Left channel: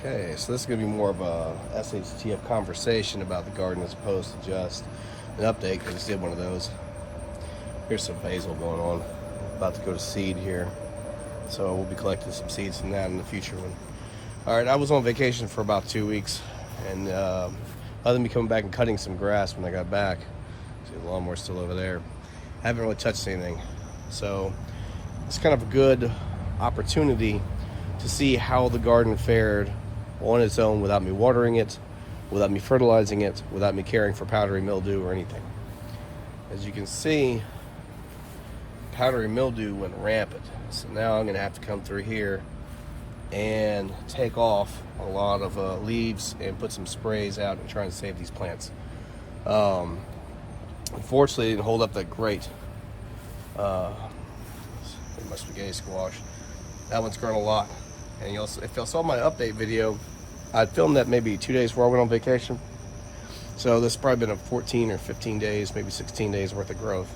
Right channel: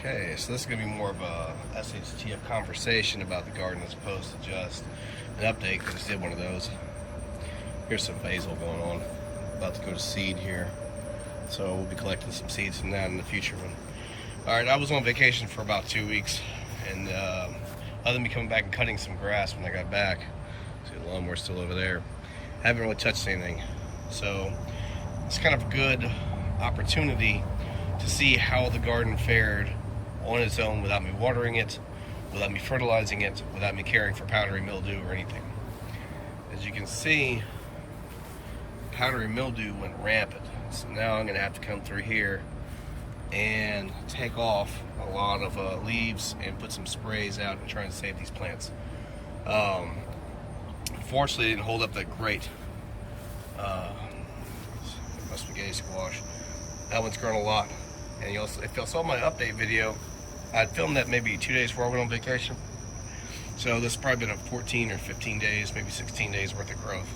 Okay, so this is going to be more of a SHTF conversation about the garden as opposed to just an update. I just did one of those. Here's some basil going on. About to go to seed here. So we'll be collecting some seeds from that in the future one. Alright, I was on vacation for about 2 weeks. And other than me coming back and cutting some grass when I got back, see the lawnmower's still over there, haven't really touched anything. So it's kind of a good opportunity to see how the garden fared on its own without me watering it, without me fertilizing it, without me caring for powdery mildew or anything. As you can see, powdery mildew went rampant. So now I'm gonna have to come through here and take off a lot of leaves and put some sprays out and try and save these plants. Unfortunately, it didn't hold up that great. It must be gay squash. That one's grown a lot. And if y'all saw my update video, I filmed that maybe 2 days before I went on vacation. So this has probably been a 14 or 15 days, maybe 16 days worth of growth.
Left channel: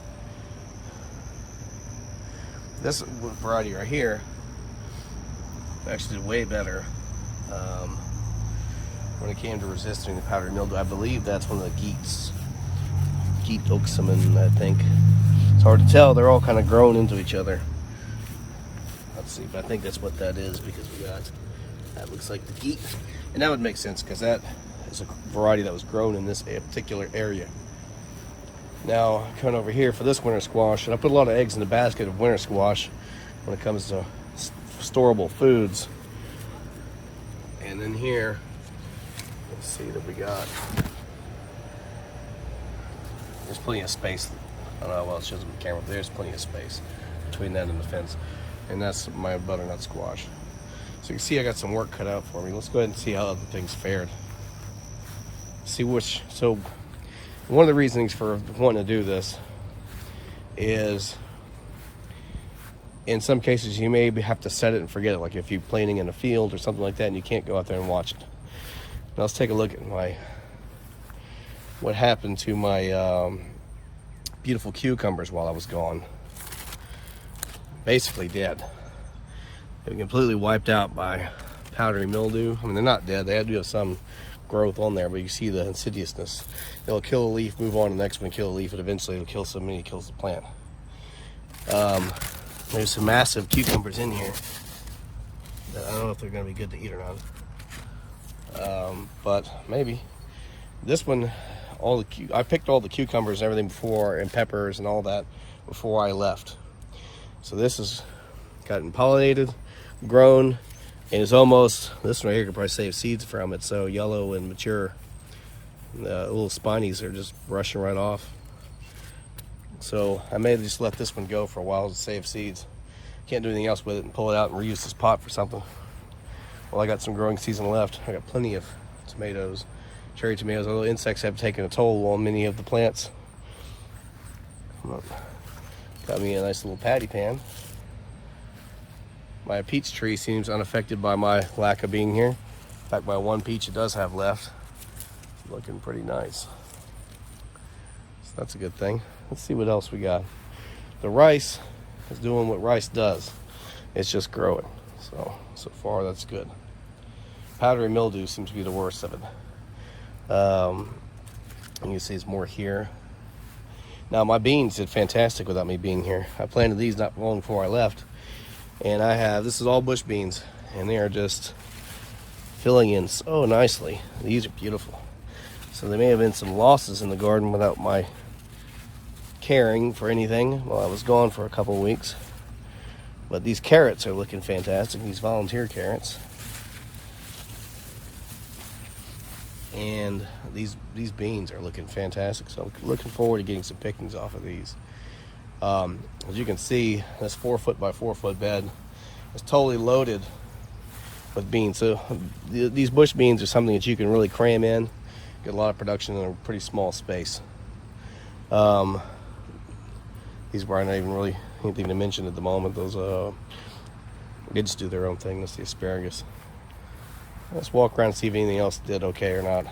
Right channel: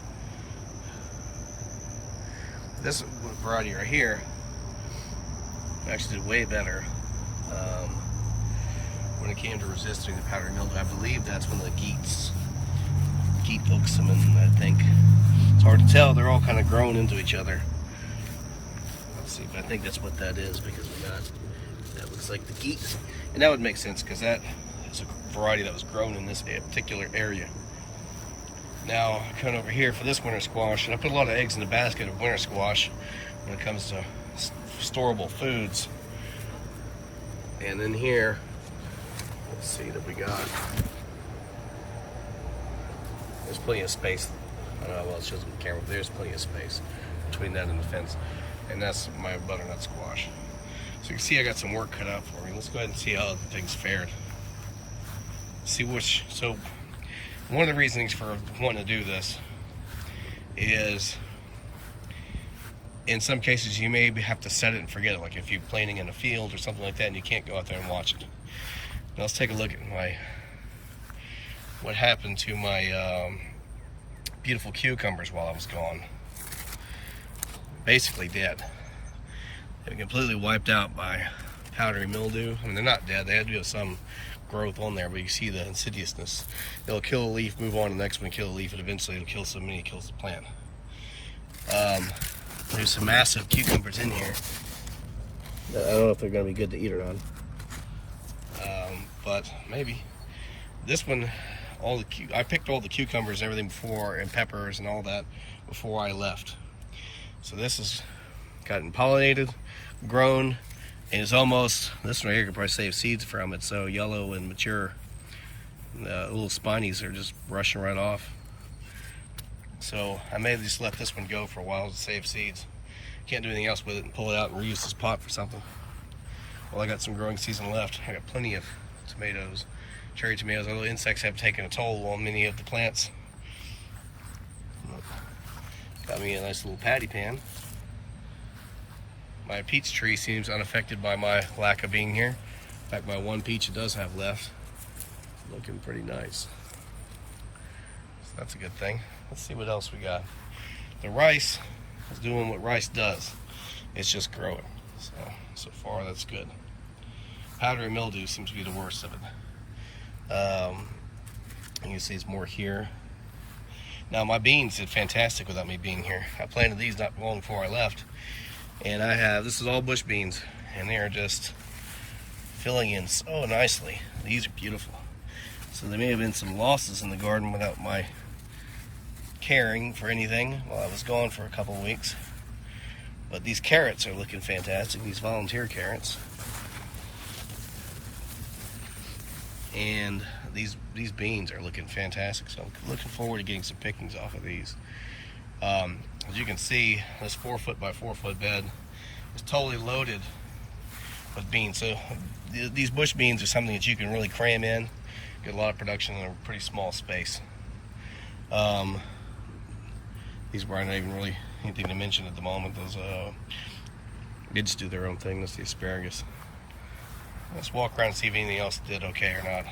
This variety right here actually did way better when it came to resisting the powdery mildew. I believe that's one of the Geet oxamin, I think. It's hard to tell, they're all kind of grown into each other. Let's see, but I think that's what that is, because we got, that looks like the Geet. And that would make sense, because that is a variety that was grown in this particular area. Now, coming over here for this winter squash, and I put a lot of eggs in the basket of winter squash when it comes to storable foods. And then here, let's see that we got. There's plenty of space. I don't know, well, it shows on the camera, but there's plenty of space between that and the fence. And that's my butternut squash. So you can see I got some work cut out for me. Let's go ahead and see how other things fared. See which, so one of the reasons for wanting to do this is in some cases you may have to set it and forget it, like if you're planting in a field or something like that and you can't go out there and watch it. Now let's take a look at what happened to my beautiful cucumbers while I was gone. Basically dead. They were completely wiped out by powdery mildew. I mean, they're not dead, they do have some growth on there, but you see the insidiousness. It'll kill a leaf, move on to the next one, kill a leaf, and eventually it'll kill so many it kills the plant. There's some massive cucumbers in here. I don't know if they're going to be good to eat or not, but maybe. This one, I picked all the cucumbers and everything before, and peppers and all that before I left. So this has gotten pollinated, grown, and it's almost, this one right here could probably save seeds from it, so yellow and mature. The little spinies are just brushing right off. So I may have just let this one go for a while to save seeds. Can't do anything else with it and pull it out and reuse this pot for something. Well, I got some growing season left. I got plenty of tomatoes, cherry tomatoes. Although insects have taken a toll on many of the plants. Got me a nice little patty pan. My peach tree seems unaffected by my lack of being here. In fact, my one peach it does have left, looking pretty nice. So that's a good thing. Let's see what else we got. The rice is doing what rice does. It's just growing. So far that's good. Powdery mildew seems to be the worst of it. You can see it's more here. Now my beans did fantastic without me being here. I planted these not long before I left. And this is all bush beans, and they are just filling in so nicely. These are beautiful. So there may have been some losses in the garden without my caring for anything while I was gone for a couple of weeks. But these carrots are looking fantastic, these volunteer carrots. And these beans are looking fantastic, so I'm looking forward to getting some pickings off of these. As you can see, this 4 foot by 4 foot bed is totally loaded with beans. So these bush beans are something that you can really cram in, get a lot of production in a pretty small space. These were not even really anything to mention at the moment. Those they just do their own thing. That's the asparagus. Let's walk around and see if anything else did okay or not.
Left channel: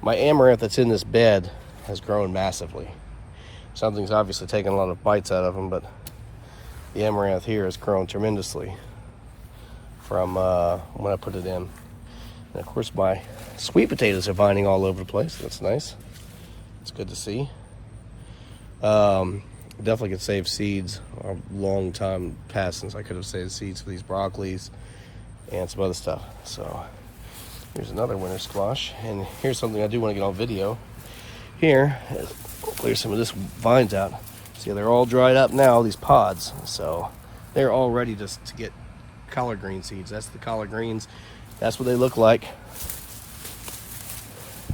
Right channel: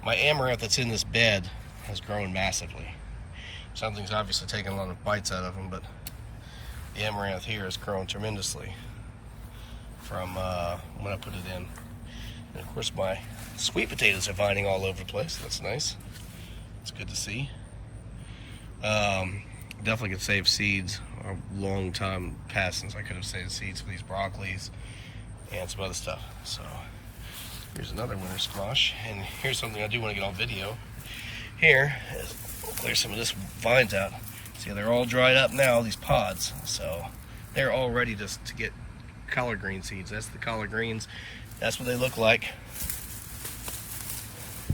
My amaranth that's in this bed has grown massively. Something's obviously taken a lot of bites out of them, but the amaranth here has grown tremendously. from when I put it in. And of course my sweet potatoes are vining all over the place. That's nice. It's good to see. Definitely could save seeds. A long time passed since I could have saved seeds for these broccolis and some other stuff. So here's another winter squash, and here's something I do want to get on video. Here is clear some of this vines out. See, they're all dried up now, these pods, so they're all ready to get collard green seeds. That's the collard greens. That's what they look like.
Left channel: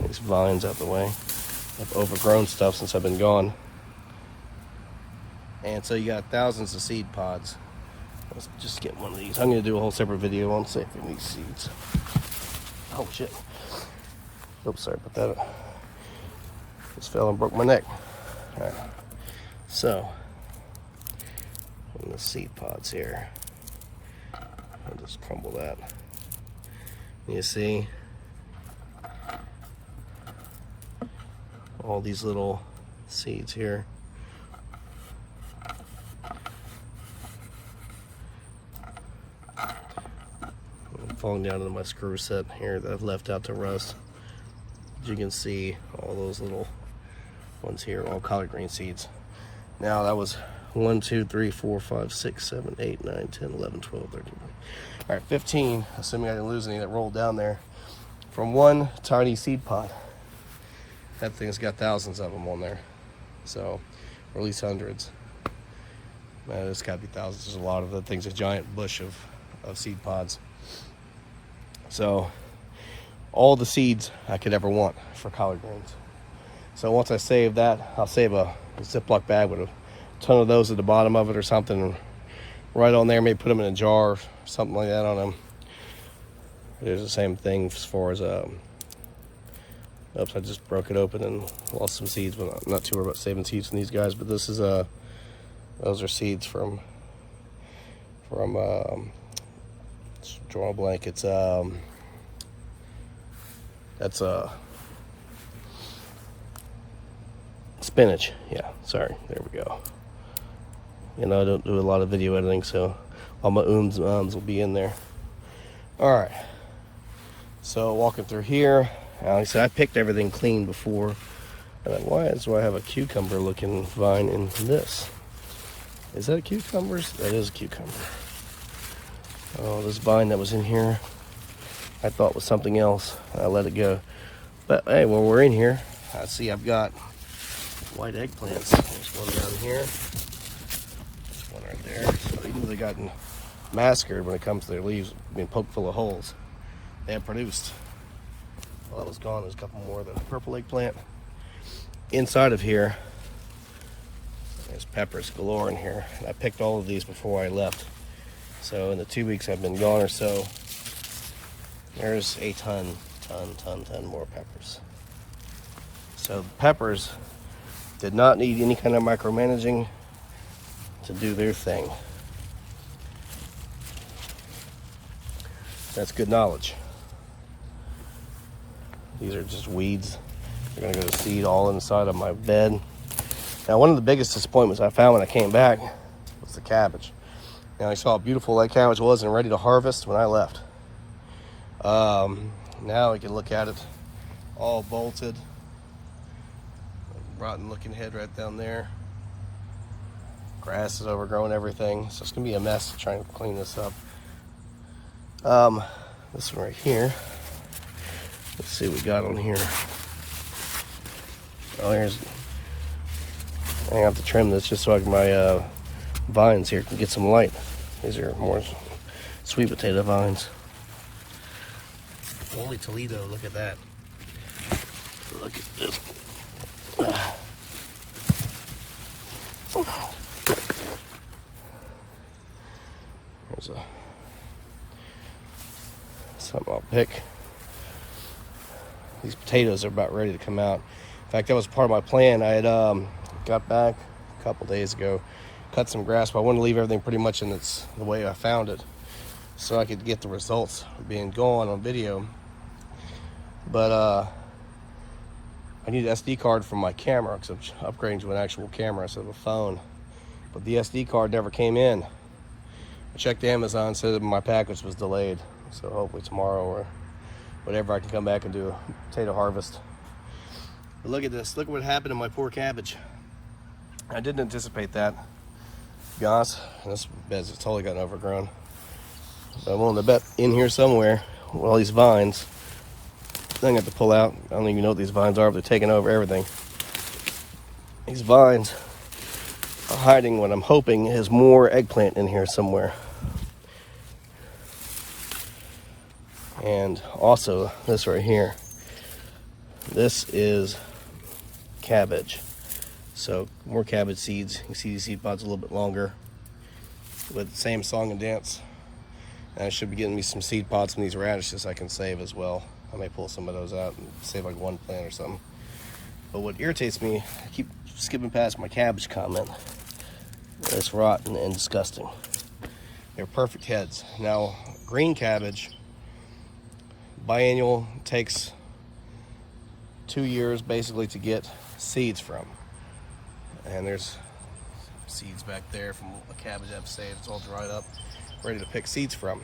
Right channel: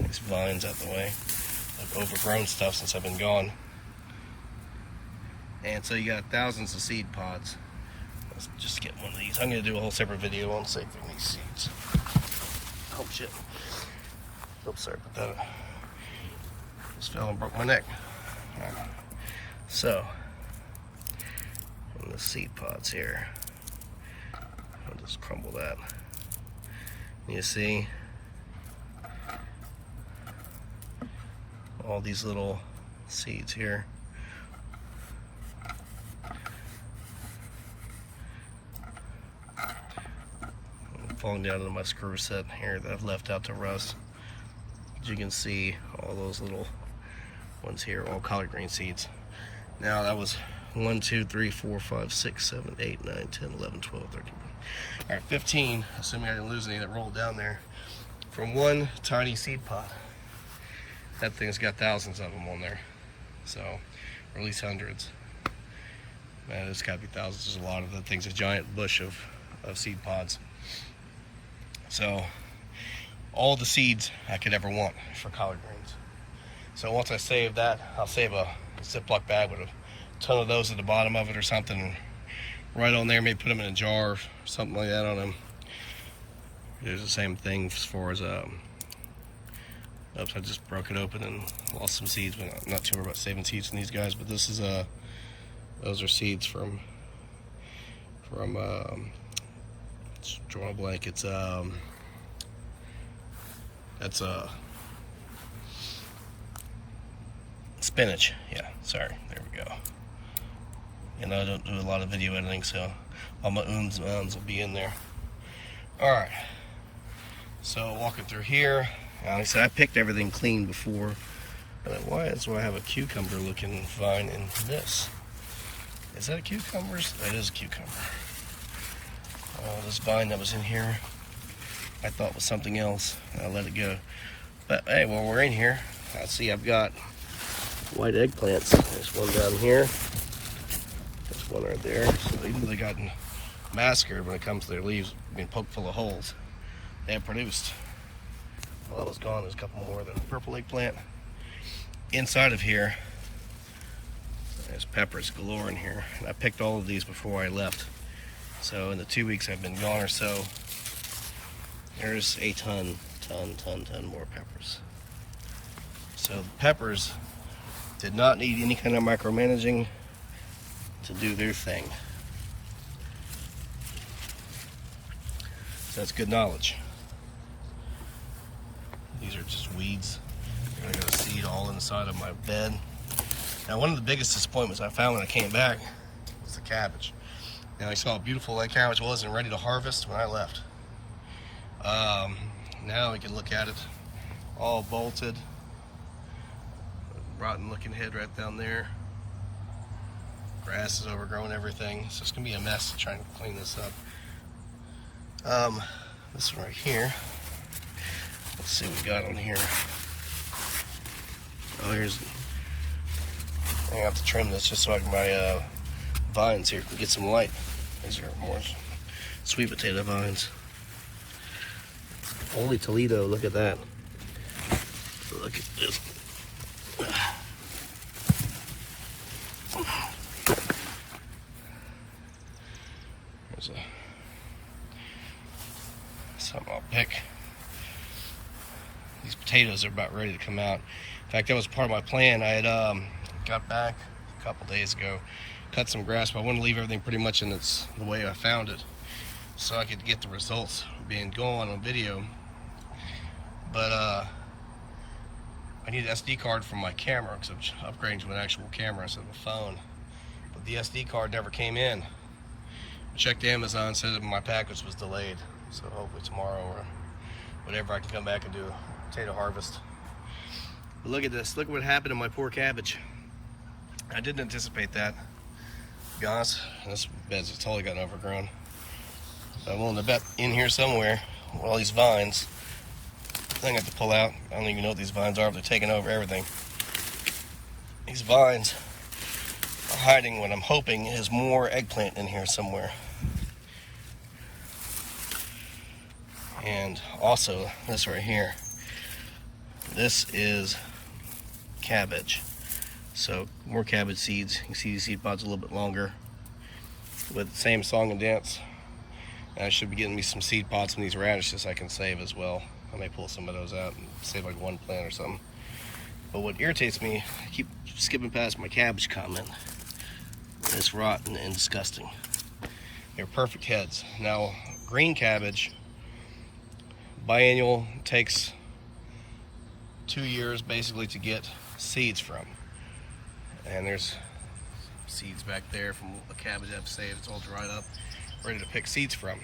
These vines out the way. I've overgrown stuff since I've been gone. And so you got thousands of seed pods. Let's just get one of these. I'm going to do a whole separate video on saving these seeds. Oh shit. Oops, sorry about that. Just fell and broke my neck. Alright. So, in the seed pods here, I'll just crumble that. You see all these little seeds here. Falling down into my screw set here that I've left out to rust. As you can see, all those little ones here, all collard green seeds. Now that was 1, 2, 3, 4, 5, 6, 7, 8, 9, 10, 11, 12, 13. All right, 15, assuming I didn't lose any that rolled down there from one tiny seed pod. That thing's got thousands of them on there. So, or at least hundreds. Man, it's gotta be thousands. There's a lot of the things, a giant bush of seed pods. So, all the seeds I could ever want for collard greens. So once I save that, I'll save a Ziploc bag with a ton of those at the bottom of it or something, right on there. Maybe put them in a jar or something like that on them. There's the same thing as far as oops, I just broke it open and lost some seeds, but I'm not too worried about saving seeds from these guys. But this is those are seeds from draw a blank. It's that's spinach. Yeah, sorry, there we go. You know, I don't do a lot of video editing, so all my ums and ums will be in there. All right, so walking through here, like I said, I picked everything clean before. And then why do I have a cucumber looking vine in this? Is that a cucumber? That is a cucumber. Oh, this vine that was in here, I thought was something else. I let it go. But hey, while we're in here, I see I've got white eggplants. There's one down here. There's one right there. So even though they gotten massacred when it comes to their leaves being poked full of holes, they have produced. Well, that was gone. There's a couple more of the purple eggplant. Inside of here, there's peppers galore in here. And I picked all of these before I left. So in the 2 weeks I've been gone or so, there's a ton more peppers. So the peppers did not need any kind of micromanaging to do their thing. That's good knowledge. These are just weeds. They're gonna go to seed all inside of my bed. Now, one of the biggest disappointments I found when I came back was the cabbage. Now, I saw how beautiful that cabbage was and ready to harvest when I left. Now we can look at it all bolted. Rotten looking head right down there. Grass is overgrowing everything, so it's gonna be a mess to try and clean this up. This one right here. Let's see what we got on here. Oh, here's. I have to trim this just so I can my vines here can get some light. These are more sweet potato vines. Holy Toledo! Look at that. Look at this. There's something I'll pick. These potatoes are about ready to come out. In fact, that was part of my plan. I had got back a couple days ago, cut some grass, but I wanted to leave everything pretty much in the way I found it, so I could get the results being gone on video. But I need an SD card from my camera because I'm upgrading to an actual camera instead of a phone. But the SD card never came in. I checked Amazon, said that my package was delayed. So hopefully tomorrow or whatever I can come back and do a potato harvest. But look at this. Look what happened to my poor cabbage. I didn't anticipate that, to be honest. This bed's totally gotten overgrown. But I'm willing to bet in here somewhere with all these vines, I'm gonna have to pull out. I don't even know what these vines are, but they're taking over everything. These vines are hiding what I'm hoping is more eggplant in here somewhere. And also this right here. This is cabbage. So more cabbage seeds. You can see these seed pods a little bit longer with the same song and dance. And I should be getting me some seed pods from these radishes I can save as well. I may pull some of those out and save like one plant or something. But what irritates me, I keep skipping past my cabbage comment. It's rotten and disgusting. They're perfect heads. Now, green cabbage, biennial, takes 2 years basically to get seeds from. And there's seeds back there from a cabbage I've saved. It's all dried up, ready to pick seeds from.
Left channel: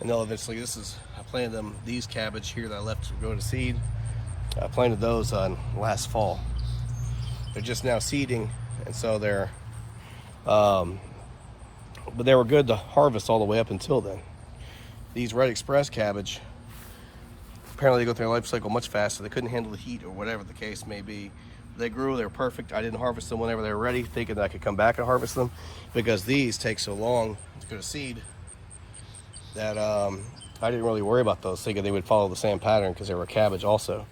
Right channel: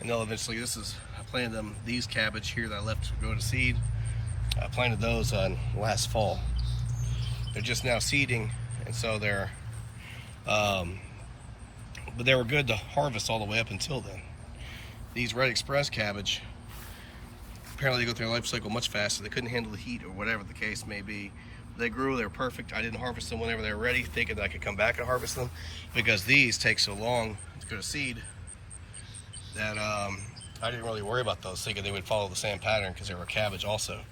And they'll eventually, I planted them, these cabbage here that I left to go to seed, I planted those on last fall. They're just now seeding, and so they're, but they were good to harvest all the way up until then. These Red Express cabbage, apparently they go through their life cycle much faster. They couldn't handle the heat or whatever the case may be. They grew, they were perfect. I didn't harvest them whenever they were ready, thinking that I could come back and harvest them, because these take so long to go to seed that I didn't really worry about those, thinking they would follow the same pattern because they were cabbage also.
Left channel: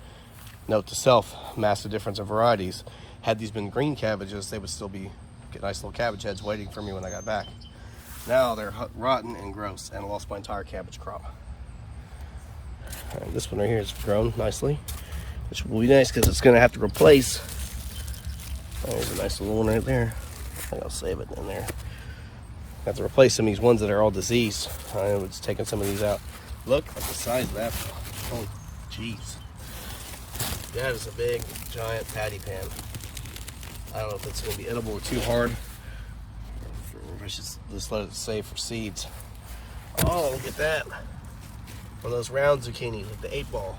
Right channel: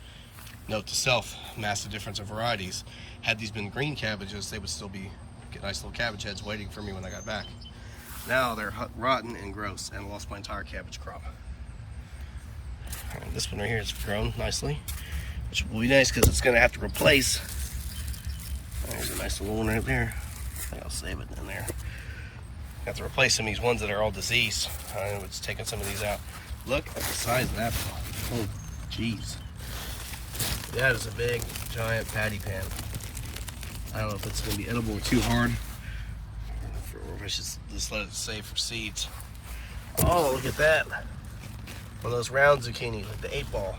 Note to self, massive difference of varieties. Had these been green cabbages, they would still be nice little cabbage heads waiting for me when I got back. Now they're rotten and gross, and lost my entire cabbage crop. And this one right here has grown nicely, which will be nice because it's going to have to replace. There's a nice little one right there. I think I'll save it in there. Have to replace some of these ones that are all diseased. I was taking some of these out. Look at the size of that. Oh, jeez. That is a big, giant patty pan. I don't know if it's going to be edible or too hard, or if I should just let it save for seeds. Oh, look at that. One of those round zucchini, like the 8-ball.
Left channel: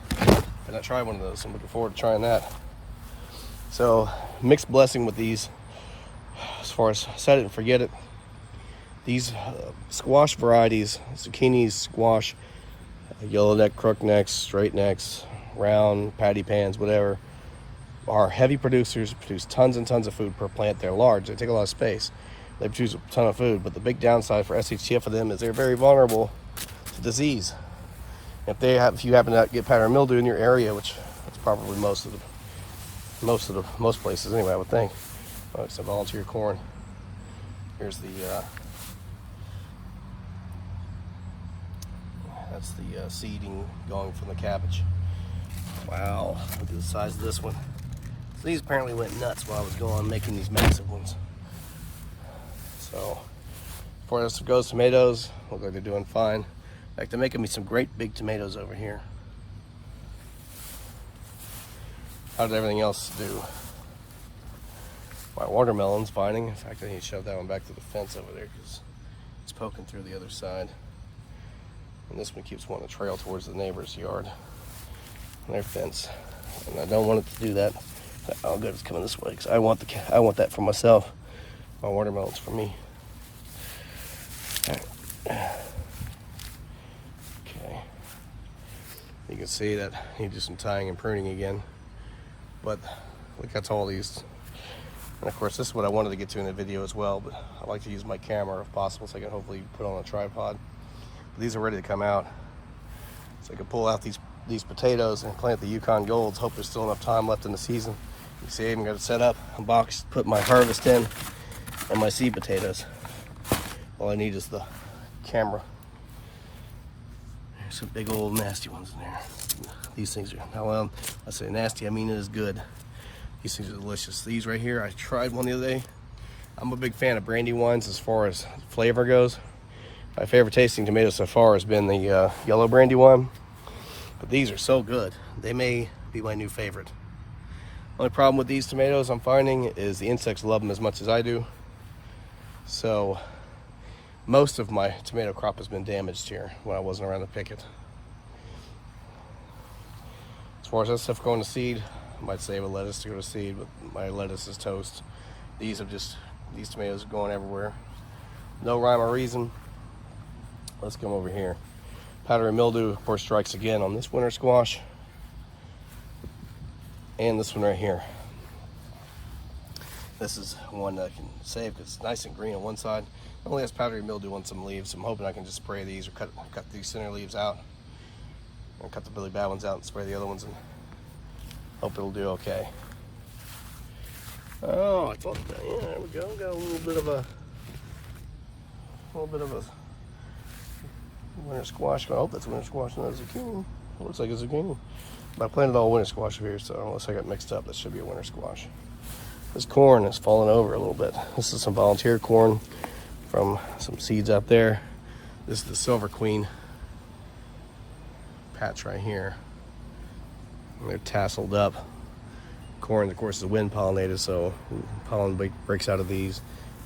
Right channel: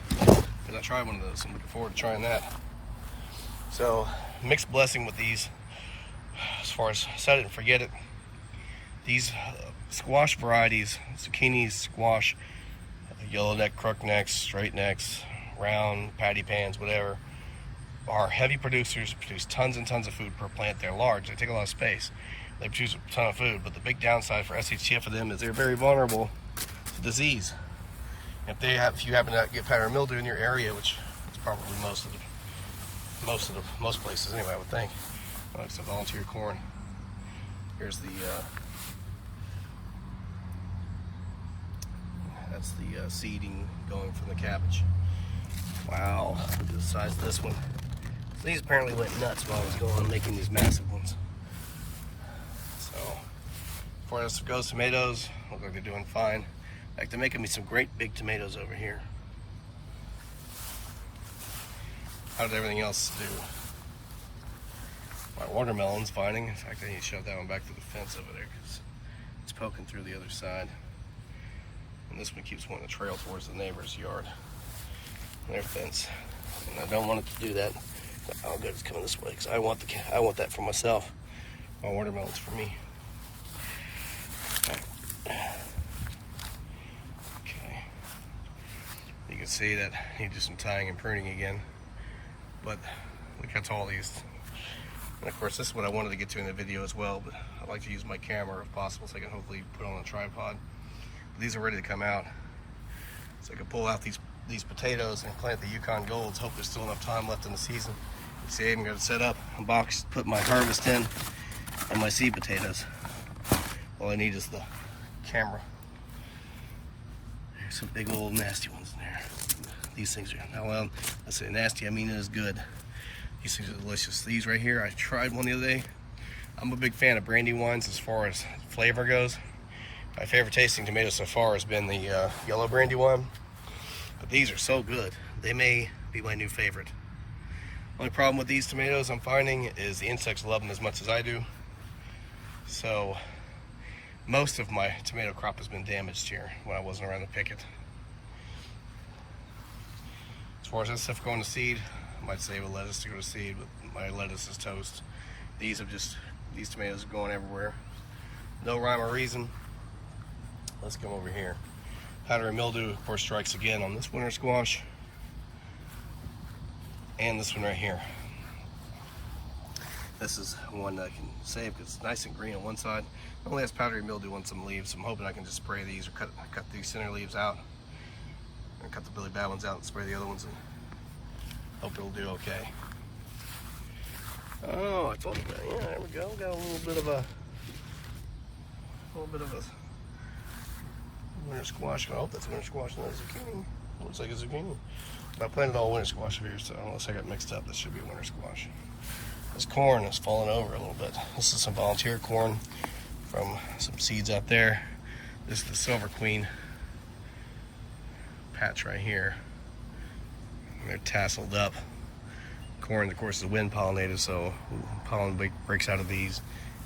I've not tried one of those. I'm looking forward to trying that. So, mixed blessing with these. As far as set it and forget it. These squash varieties, zucchinis, squash, yellow neck, crook necks, straight necks, round, patty pans, whatever, are heavy producers, produce tons and tons of food per plant. They're large, they take a lot of space. They produce a ton of food, but the big downside for SHTF for them is they're very vulnerable to disease. If you happen to get powdery mildew in your area, which is probably most places anyway, I would think, except volunteer corn. Here's the that's the seeding going from the cabbage. Wow, look at the size of this one. So these apparently went nuts while I was going on making these massive ones. So, as far as goes, tomatoes look like they're doing fine. In fact, they're making me some great big tomatoes over here. How did everything else do? My watermelon's fighting. In fact, I need to shove that one back to the fence over there because it's poking through the other side. And this one keeps wanting to trail towards the neighbor's yard and their fence. And I don't want it to do that. Oh, good, it's coming this way because I want that for myself. My watermelon's for me. Okay. You can see that I need to do some tying and pruning again. But look how tall these. And of course, this is what I wanted to get to in the video as well, but I like to use my camera if possible so I can hopefully put on a tripod. But these are ready to come out. So I can pull out these potatoes and plant the Yukon Golds. Hope there's still enough time left in the season. You see, I even got it set up, unboxed, put my harvest in, and my seed potatoes. All I need is the camera. There's some big old nasty ones in there. These things are, now I say nasty, I mean it is good. These things are delicious. These right here, I tried one the other day. I'm a big fan of brandy wines as far as flavor goes. My favorite tasting tomato so far has been the yellow brandy wine. But these are so good. They may be my new favorite. Only problem with these tomatoes I'm finding is the insects love them as much as I do. So most of my tomato crop has been damaged here when I wasn't around to pick it. As far as that stuff going to seed, I might save a lettuce to go to seed, but my lettuce is toast. These tomatoes are going everywhere. No rhyme or reason. Let's come over here. Powdery mildew, of course, strikes again on this winter squash. And this one right here. This is one that I can save because it's nice and green on one side. It only has powdery mildew on some leaves. I'm hoping I can just spray these or cut these center leaves out. And cut the really bad ones out and spray the other ones and hope it'll do okay. Oh, I thought, yeah, there we go. Got a little bit of a winter squash. I hope that's winter squash, not zucchini. It looks like a zucchini. I planted all winter squash over here, so unless I got mixed up, that should be a winter squash. This corn is falling over a little bit. This is some volunteer corn from some seeds out there. This is the Silver Queen patch right here. They're tasseled up. Corn, of course, is wind pollinated, so pollen breaks out of these.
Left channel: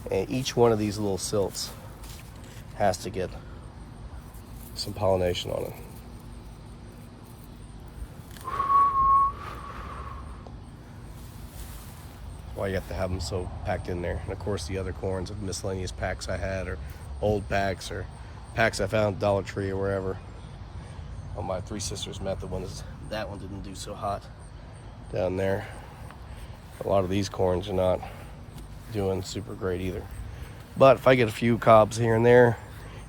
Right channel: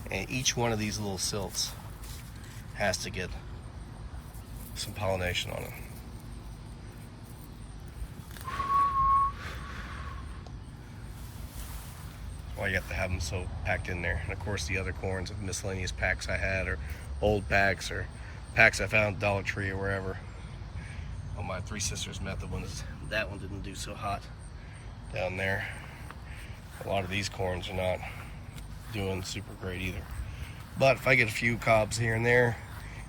And each one of these little silts has to get some pollination on it. Why you have to have them so packed in there. And of course the other corns of miscellaneous packs I had, or old packs, or packs I found at Dollar Tree or wherever. On my Three Sisters method that one didn't do so hot down there. A lot of these corns are not doing super great either. But if I get a few cobs here and there,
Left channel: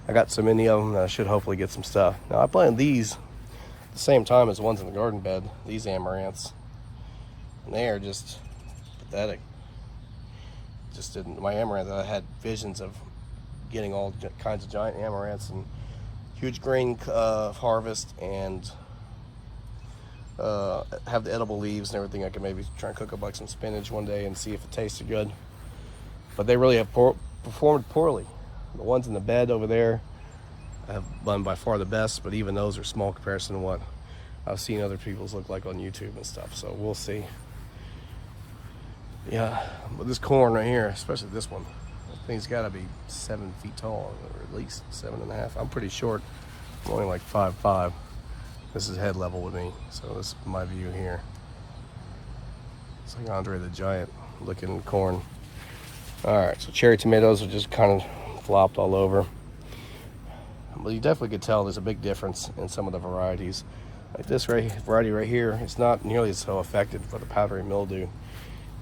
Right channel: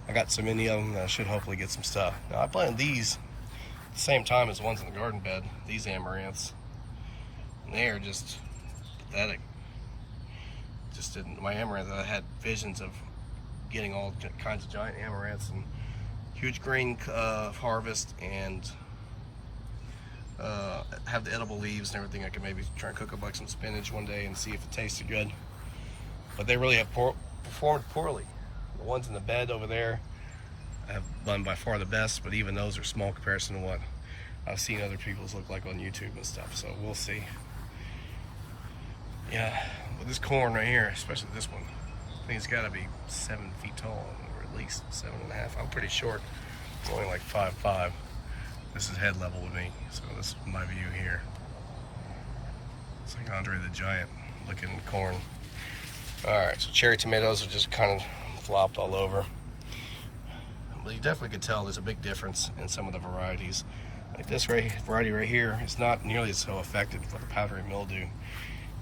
I got so many of them that I should hopefully get some stuff. Now I planted these at the same time as ones in the garden bed, these amaranths. And they are just pathetic. Just didn't, my amaranth, I had visions of getting all kinds of giant amaranths and huge grain harvest and have the edible leaves and everything. I could maybe try and cook up like some spinach one day and see if it tasted good. But they really have performed poorly. The ones in the bed over there have done by far the best, but even those are small comparison to what I've seen other people's look like on YouTube and stuff. So we'll see. Yeah, but this corn right here, especially this one, I think it's got to be 7 feet tall, or at least 7.5. I'm pretty short. I'm only like 5'5". This is head level with me, so this is my view here. It's like Andre the Giant looking corn. All right, so cherry tomatoes are just kind of flopped all over. But you definitely could tell there's a big difference in some of the varieties. Like this variety right here, it's not nearly so affected for the powdery mildew.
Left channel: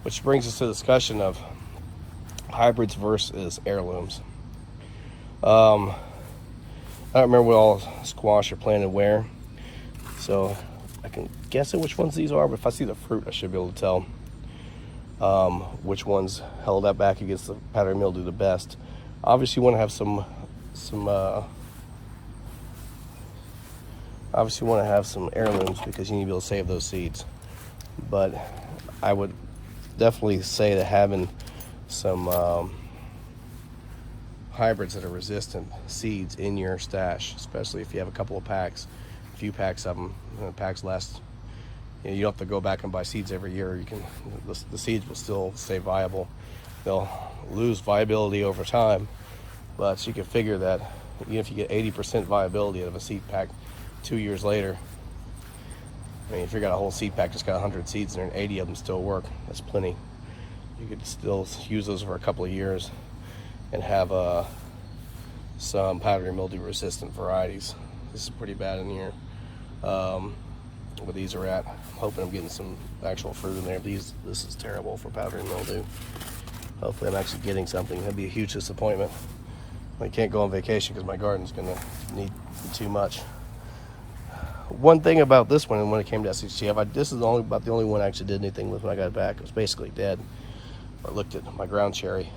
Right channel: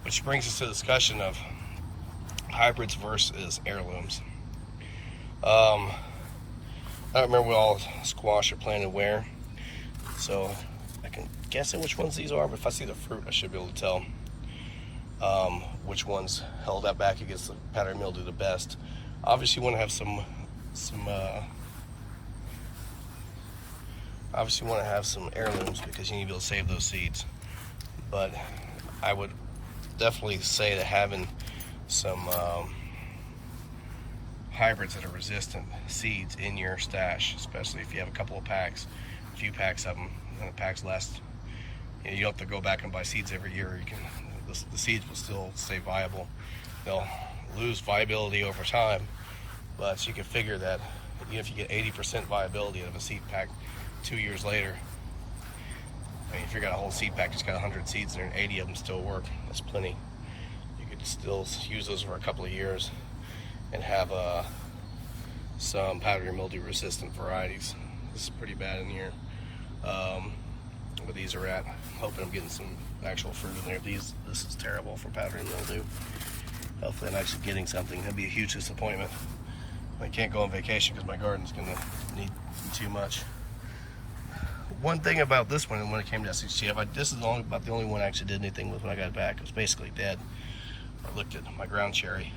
Which brings us to the discussion of hybrids versus heirlooms. I don't remember what all squash are planted where, so I can guess at which ones these are, but if I see the fruit, I should be able to tell which ones held that back against the powdery mildew the best. Obviously you want to have some heirlooms because you need to be able to save those seeds. But I would definitely say that having some hybrids that are resistant seeds in your stash, especially if you have a couple of packs, a few packs of them, and the packs last, you don't have to go back and buy seeds every year. You can, the seeds will still stay viable. They'll lose viability over time, but you can figure that even if you get 80% viability out of a seed pack 2 years later, I mean, if you got a whole seed pack that's got 100 seeds in there and 80 of them still work, that's plenty. You could still use those for a couple of years and have some powdery mildew resistant varieties. This is pretty bad in here. Where these are at, I'm hoping I'm getting some actual fruit in there. This is terrible for powdery mildew. Hopefully I'm actually getting something. That'd be a huge disappointment. I can't go on vacation because my garden's gonna need too much. One thing about this one, and when it came to SHTF, this is about the only one I actually did anything with when I got it back. It was basically dead. I looked at my ground cherry.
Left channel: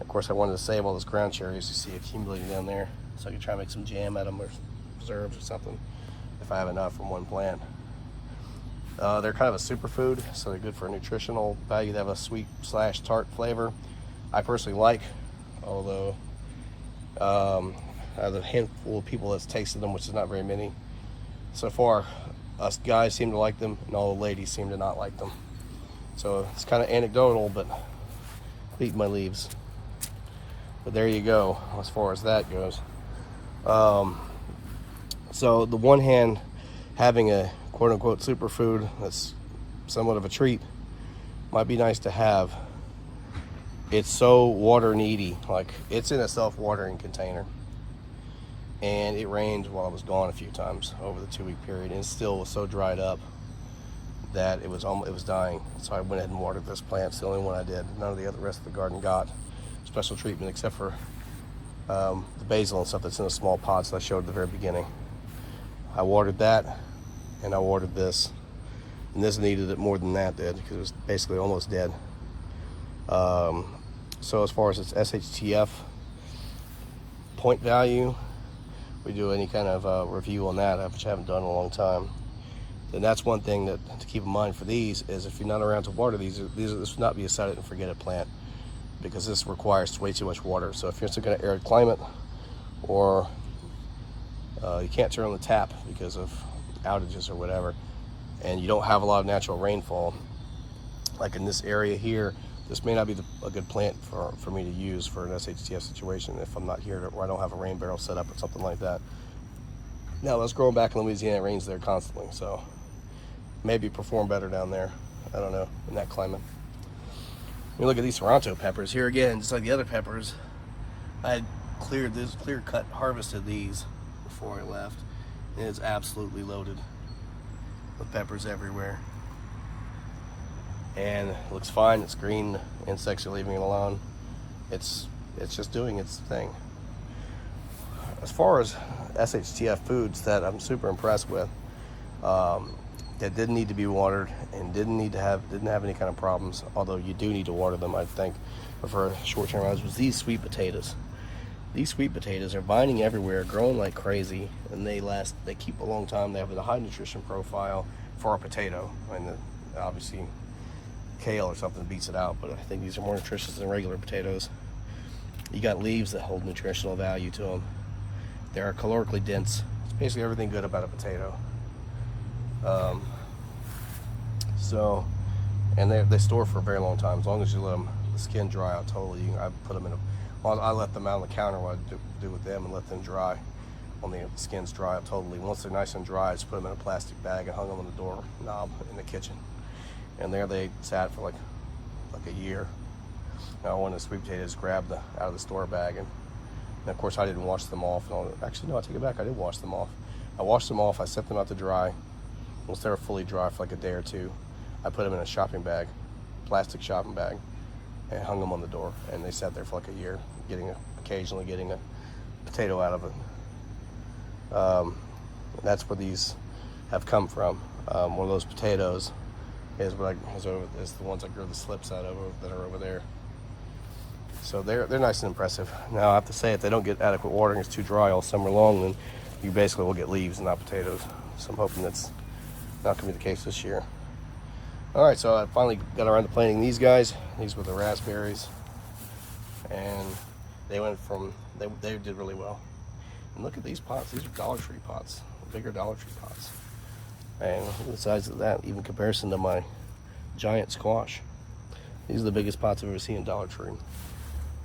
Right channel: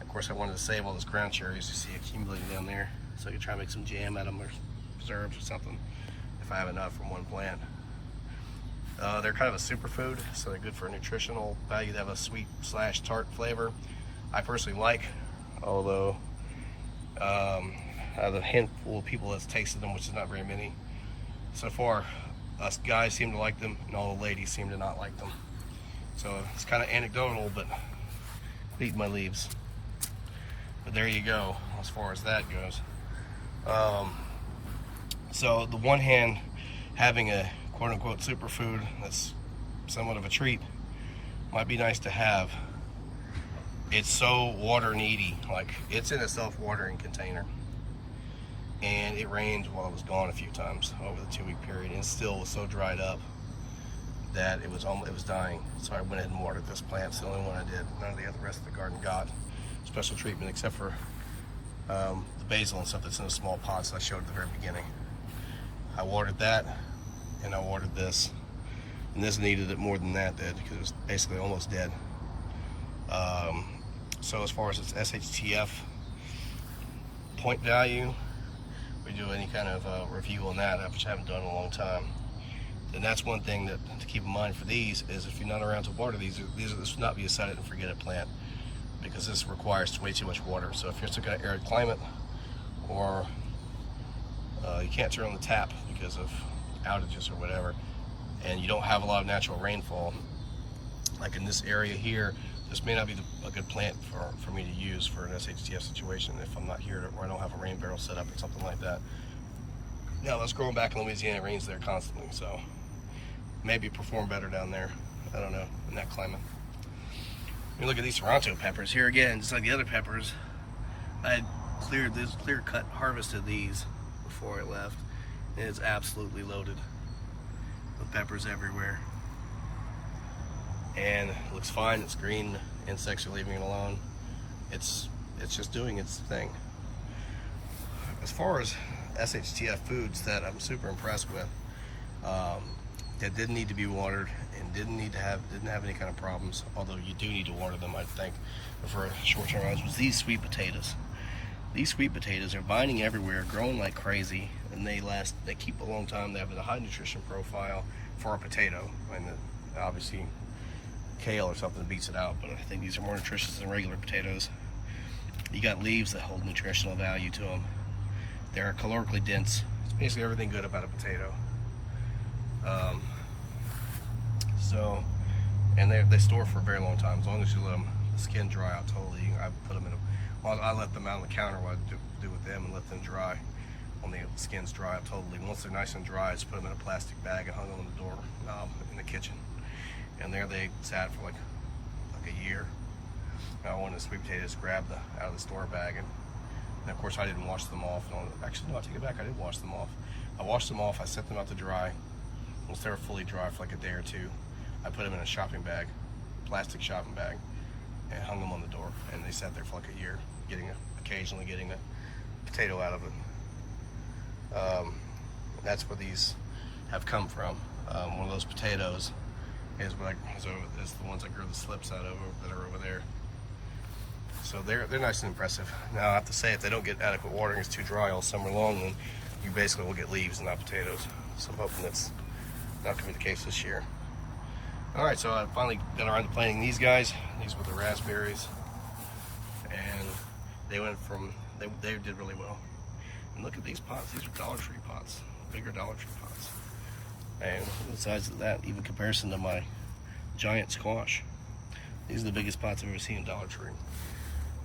Of course, I wanted to save all those ground cherries you see accumulating down there, so I could try to make some jam out of them or preserves or something if I have enough from one plant. They're kind of a superfood, so they're good for a nutritional value. They have a sweet/tart flavor I personally like, although I have a handful of people that's tasted them, which is not very many. So far, us guys seem to like them, and all the ladies seem to not like them. So it's kind of anecdotal, but eating my leaves. But there you go, as far as that goes. So the one hand, having a quote-unquote superfood that's somewhat of a treat might be nice to have. It's so water needy. Like, it's in a self-watering container, and it rained while I was gone a few times over the 2-week period, and it still was so dried up that it was dying. So I went ahead and watered this plant. It's the only one I did. None of the rest of the garden got special treatment, except for the basil and stuff that's in a small pot, so I showed at the very beginning. I watered that, and I watered this, and this needed it more than that did, because it was basically almost dead. So as far as its SHTF point value, we do any kind of review on that, which I haven't done in a long time. Then that's one thing that to keep in mind for these is, if you're not around to water these this should not be a set it and forget it plant, because this requires way too much water. So if you're stuck in an arid climate, or you can't turn on the tap because of outages or whatever, and you don't have a lot of natural rainfall, like in this area here, this may not be a good plant for me to use for an SHTF situation if I'm not here, or I don't have a rain barrel set up or something like that. Now, let's grow them back in Louisiana. It rains there constantly, so maybe perform better down there. I don't know, in that climate. You look at these Toronto peppers here again, just like the other peppers. I had clear cut harvested these before I left, and it's absolutely loaded with peppers everywhere. And it looks fine. It's green. Insects are leaving it alone. It's just doing its thing. As far as SHTF foods that I'm super impressed with, that didn't need to be watered and didn't have any kind of problems, although you do need to water them, I think, for short-term items, was these sweet potatoes. These sweet potatoes are binding everywhere, growing like crazy, and they keep a long time. They have a high nutrition profile for a potato, and obviously kale or something beats it out, but I think these are more nutritious than regular potatoes. You got leaves that hold nutritional value to them. They're calorically dense. It's basically everything good about a potato. And they store for a very long time, as long as you let the skin dry out totally. I put them in I let them out on the counter, what I do with them, and let them dry. When the skins dry out totally, once they're nice and dry, I just put them in a plastic bag and hung them on the door knob in the kitchen. And there they sat for like a year. Now, one of the sweet potatoes grabbed out of the store bag, and of course I didn't wash them off. Actually, no, I take it back. I did wash them off. I washed them off. I set them out to dry. Once they were fully dry for like a day or two, I put them in a shopping bag, plastic shopping bag, and hung them on the door. And they sat there for like a year, occasionally getting a potato out of it. That's where these have come from. One of those potatoes is the ones I grew the slips out of that are over there. So they're nice and impressive. Now, I have to say, if they don't get adequate watering, it's too dry all summer long, then you basically will get leaves and not potatoes. So I'm hoping that's not going to be the case this year. All right, so I finally got around to planting these guys. These were the raspberries, and they did really well. And look at these pots. These are Dollar Tree pots, bigger Dollar Tree pots. And the size of that, even comparison to my giant squash. These are the biggest pots I've ever seen in Dollar Tree.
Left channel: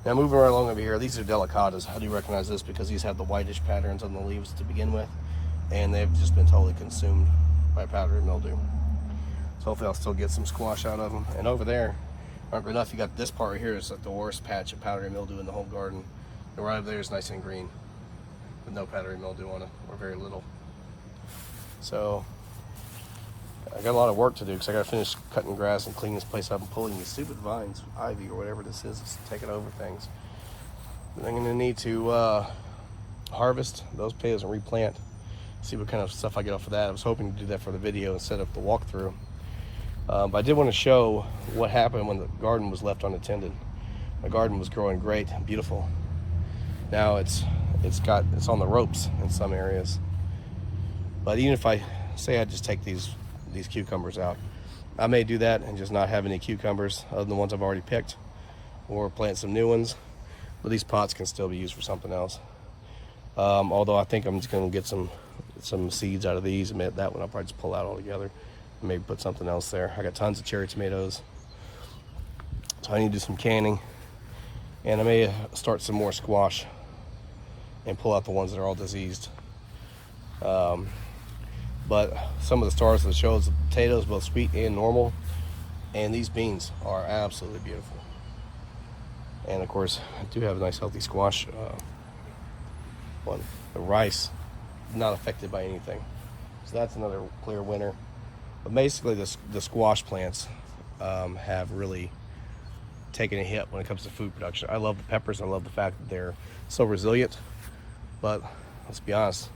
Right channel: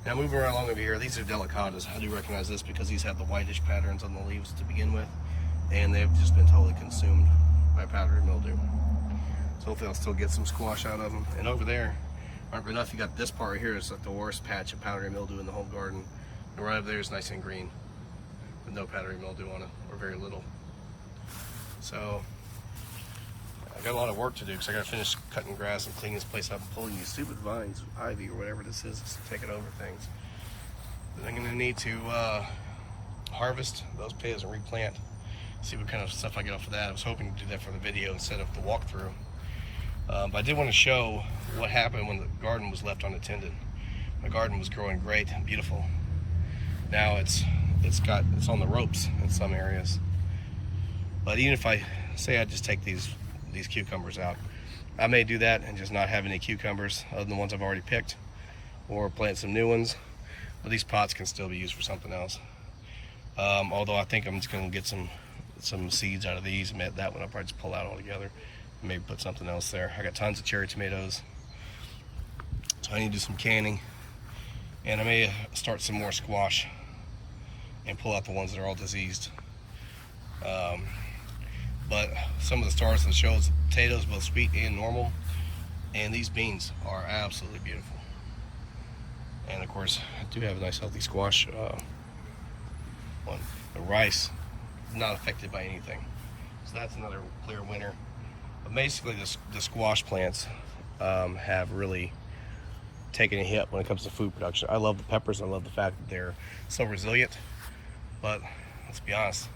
Now, moving right along over here, these are delicatas. I do recognize this because these have the whitish patterns on the leaves to begin with, and they've just been totally consumed by powdery mildew. So hopefully I'll still get some squash out of them. And over there, remember enough, you got this part right here is like the worst patch of powdery mildew in the whole garden. And right over there is nice and green with no powdery mildew on it, or very little. So I got a lot of work to do because I got to finish cutting grass and cleaning this place up and pulling these stupid vines, ivy or whatever this is, it's taking over things. And I'm going to need to harvest those potatoes and replant, see what kind of stuff I get off of that. I was hoping to do that for the video instead of the walkthrough. But I did want to show what happened when the garden was left unattended. My garden was growing great, beautiful. Now it's on the ropes in some areas. But even if I say I just take these cucumbers out, I may do that and just not have any cucumbers other than the ones I've already picked, or plant some new ones. But these pots can still be used for something else. Although I think I'm just going to get some seeds out of these, and that one I'll probably just pull out altogether and maybe put something else there. I got tons of cherry tomatoes, so I need to do some canning. And I may start some more squash and pull out the ones that are all diseased. But some of the stars of the show is the potatoes, both sweet and normal, and these beans are absolutely beautiful. And of course, I do have a nice healthy squash one. The rice, not affected by anything, so that's another clear winner. But basically, the squash plants have really taken a hit when it comes to food production. I love the peppers. I love the fact that they're so resilient. But let's be honest,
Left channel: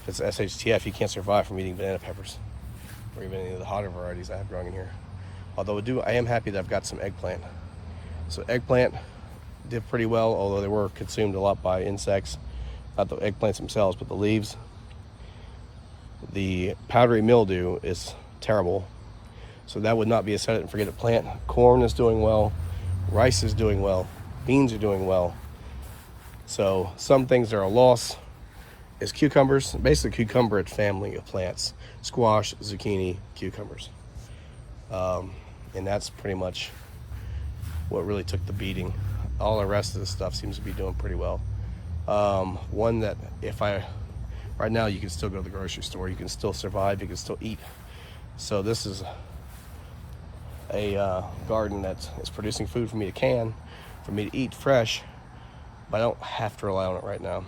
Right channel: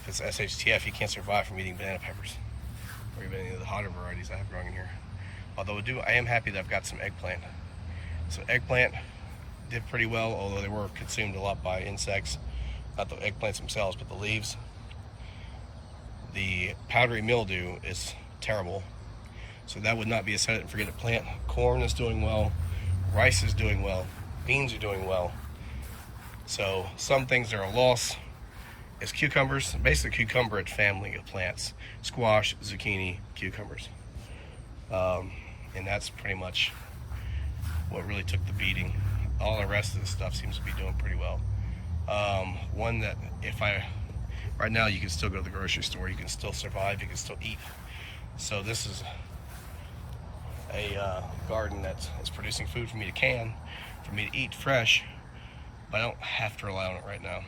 because SHTF, you can't survive from eating banana peppers or even any of the hotter varieties I have growing in here. Although I am happy that I've got some eggplant. So eggplant did pretty well, although they were consumed a lot by insects. Not the eggplants themselves, but the leaves. The powdery mildew is terrible. So that would not be a set it and forget it plant. Corn is doing well. Rice is doing well. Beans are doing well. So some things that are a loss is cucumbers, basically cucumbered family of plants. Squash, zucchini, cucumbers. And that's pretty much what really took the beating. All the rest of the stuff seems to be doing pretty well. One that right now you can still go to the grocery store, you can still survive, you can still eat. So this is a garden that is producing food for me to can, for me to eat fresh, but I don't have to rely on it right now.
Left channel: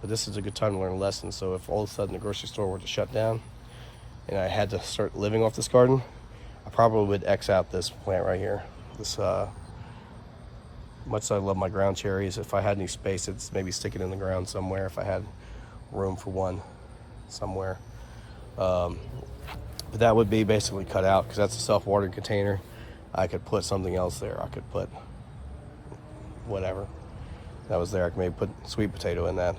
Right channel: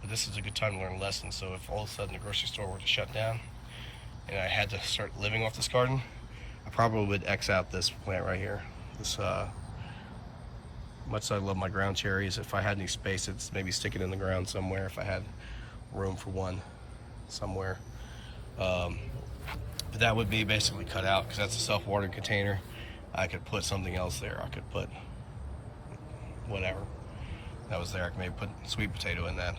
But this is a good time to learn a lesson. So if all of a sudden the grocery store were to shut down and I had to start living off this garden, I probably would X out this plant right here. This, much as I love my ground cherries, if I had any space, it's maybe stick it in the ground somewhere if I had room for one somewhere. But that would be basically cut out because that's a self-watering container. I could put something else there. I could put whatever that was there. I could maybe put sweet potato in that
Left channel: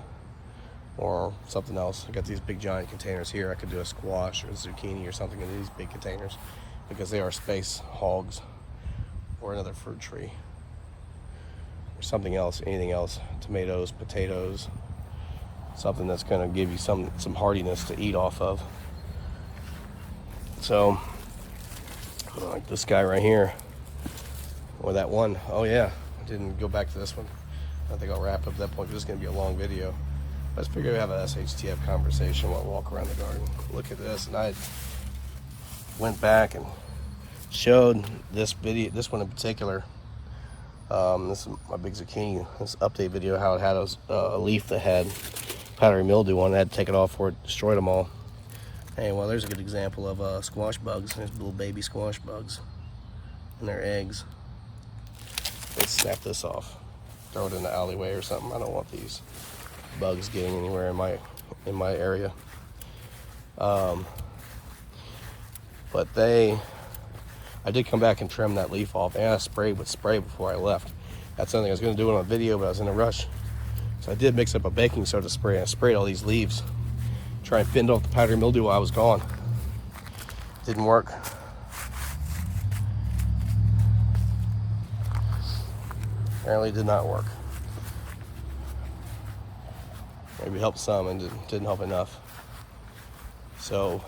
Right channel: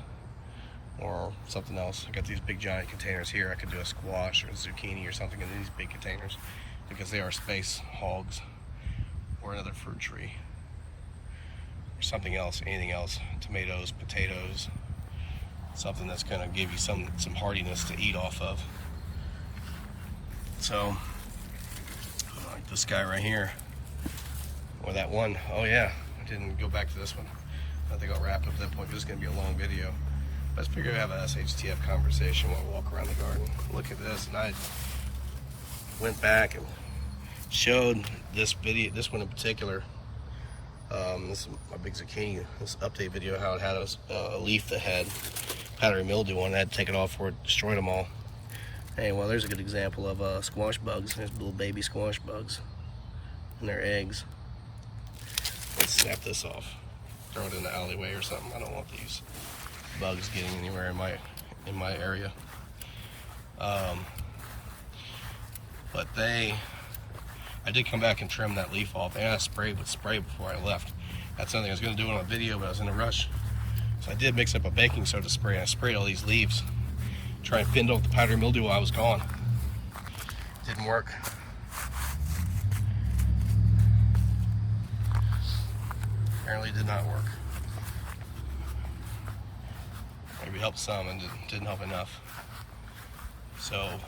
or something else. I got these big giant containers here. I could do a squash or a zucchini or something in these big containers because they are space hogs, or another fruit tree or something else, anything else, tomatoes, potatoes, something that's going to give you some hardiness to eat off of. So like this guy right here, or that one. Oh yeah, I didn't go back to this one. I think I'll wrap up at that point. This is going to be a long video. Let's figure out have an SHTF conversation while I walk around the garden. Look at this, and I went back and showed this video, this one in particular. This is my big zucchini. This update video, how it had a leaf that had powdery mildew on it. I had to take it off before it destroyed them all. Hey, well, there's a good example of squash bugs. There's little baby squash bugs and their eggs. Let's snap this off. Throw it in the alleyway or something. I don't want these bugs getting anywhere in my area. But I did come back and trim that leaf off, and I sprayed with spray before I left. That's something I was going to do on a video, but I was in a rush. So I did mix up a baking soda spray, and I sprayed all these leaves, try and fend off the powdery mildew while I was gone. Didn't work. Apparently it did not work. Maybe helped some and didn't help enough. So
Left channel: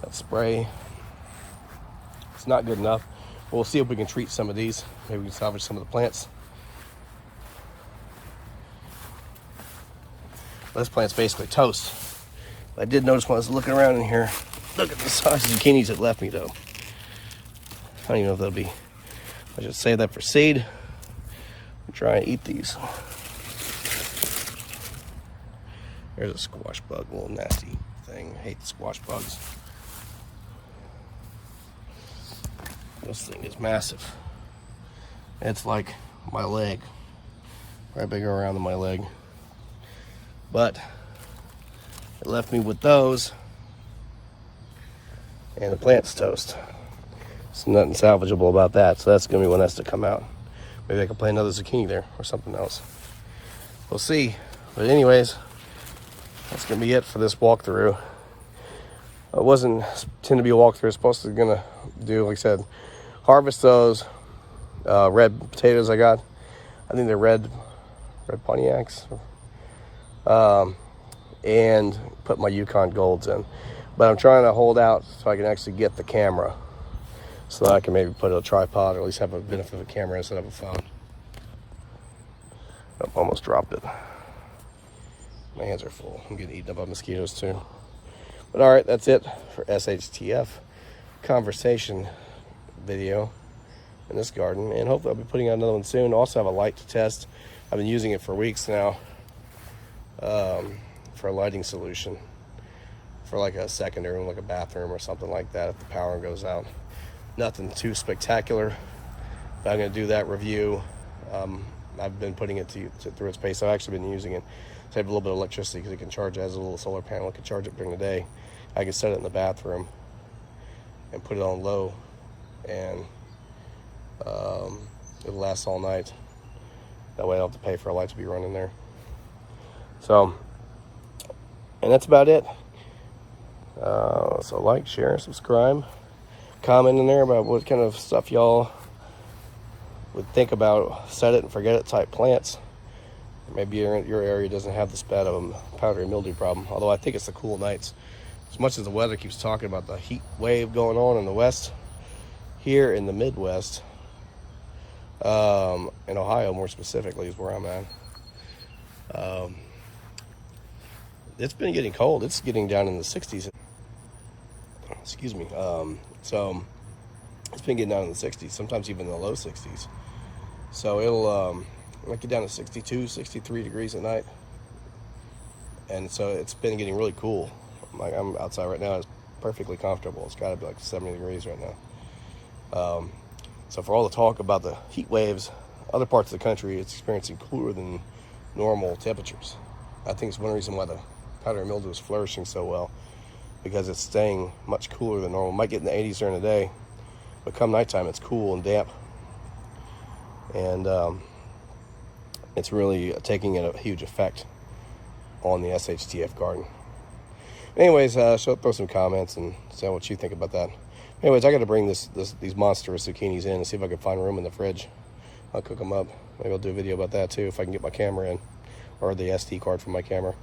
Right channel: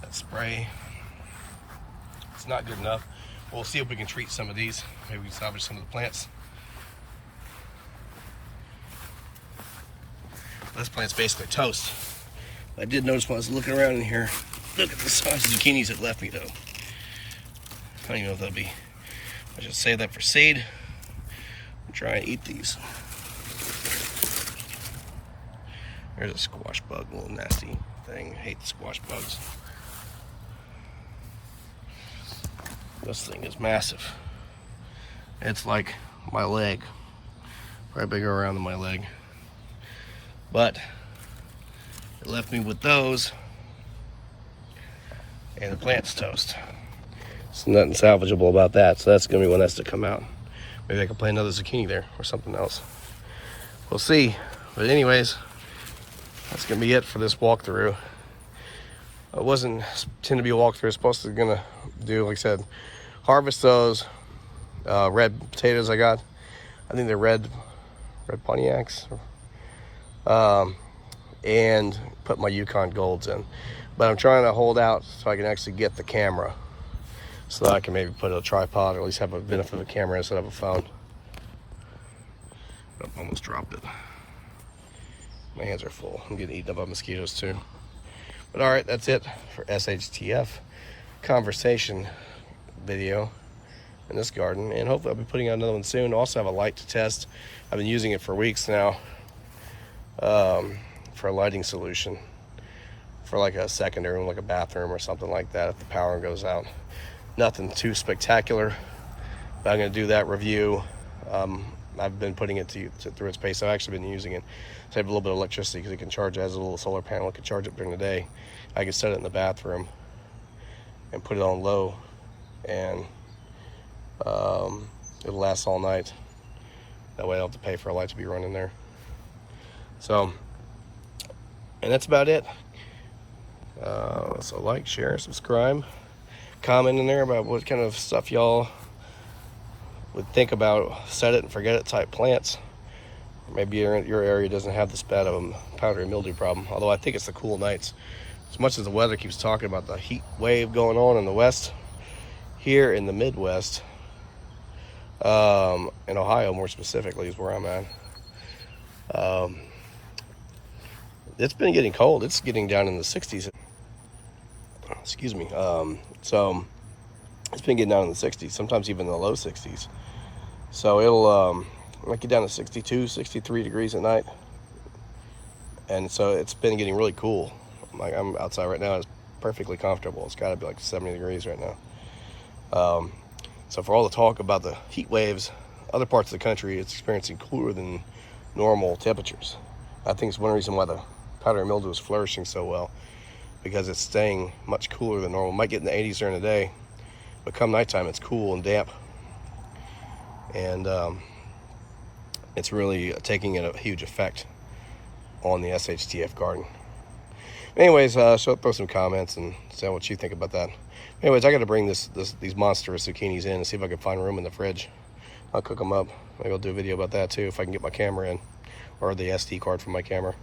that spray, it's not good enough. We'll see if we can treat some of these. Maybe we can salvage some of the plants. This plant's basically toast. I did notice when I was looking around in here, look at the size of zucchinis it left me though. I don't even know if they'll be, I should save that for seed and try and eat these. There's a squash bug, a little nasty thing. I hate the squash bugs. This thing is massive. It's like my leg, probably bigger around than my leg. But it left me with those and the plant's toast. There's nothing salvageable about that, so that's gonna be one that's to come out. Maybe I can plant another zucchini there or something else. We'll see. But anyways, that's gonna be it for this walkthrough. It wasn't intended to be a walkthrough. It's supposed to gonna do, like I said, harvest those red potatoes I got. I think they're red Pontiacs. And put my Yukon Golds in. But I'm trying to hold out so I can actually get the camera, so that I can maybe put a tripod or at least have a benefit of a camera instead of a phone. Oh, almost dropped it. My hands are full. I'm getting eaten up by mosquitoes too. But all right, that's it for SHTF conversation video in this garden, and hopefully I'll be putting out another one soon. Also have a light to test. I've been using it for weeks now for a lighting solution for like a secondary room, like a bathroom or something like that if the power goes out. Nothing too spectacular, but I'm going to do that review. I've been putting it through its pace. I've actually been using it to save a little bit of electricity because it can charge it as a little solar panel. It can charge it during the day. I can set it in the bathroom and put it on low, and it'll last all night. That way I don't have to pay for a light to be running there. So, and that's about it. So like, share, subscribe, comment in there about what kind of stuff y'all would think about set it and forget it type plants. Or maybe your area doesn't have this bad of a powdery mildew problem, although I think it's the cool nights. As much as the weather keeps talking about the heat wave going on in the west, here in the Midwest, in Ohio more specifically is where I'm at, it's been getting cold. It's getting down in the 60s. Excuse me. So it's been getting down in the 60s, sometimes even the low 60s. So it'll might get down to 62, 63 degrees at night. And so it's been getting really cool. Like, I'm outside right now, it's perfectly comfortable. It's got to be like 70 degrees right now. So for all the talk about the heat waves, other parts of the country, it's experiencing cooler than normal temperatures. I think it's one reason why the powdery mildew is flourishing so well, because it's staying much cooler than normal. It might get in the 80s during the day, but come nighttime it's cool and damp. And it's really taking a huge effect on the SHTF garden. Anyways, throw some comments and say what you think about that. Anyways, I got to bring these monstrous zucchinis in and see if I can find room in the fridge. I'll cook them up. Maybe I'll do a video about that too if I can get my camera in, or the SD card from my camera.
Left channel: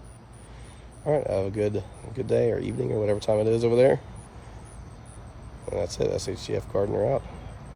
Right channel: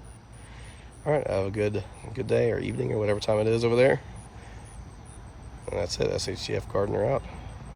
All right, have a good day or evening or whatever time it is over there. And that's it. SHTF Gardener out.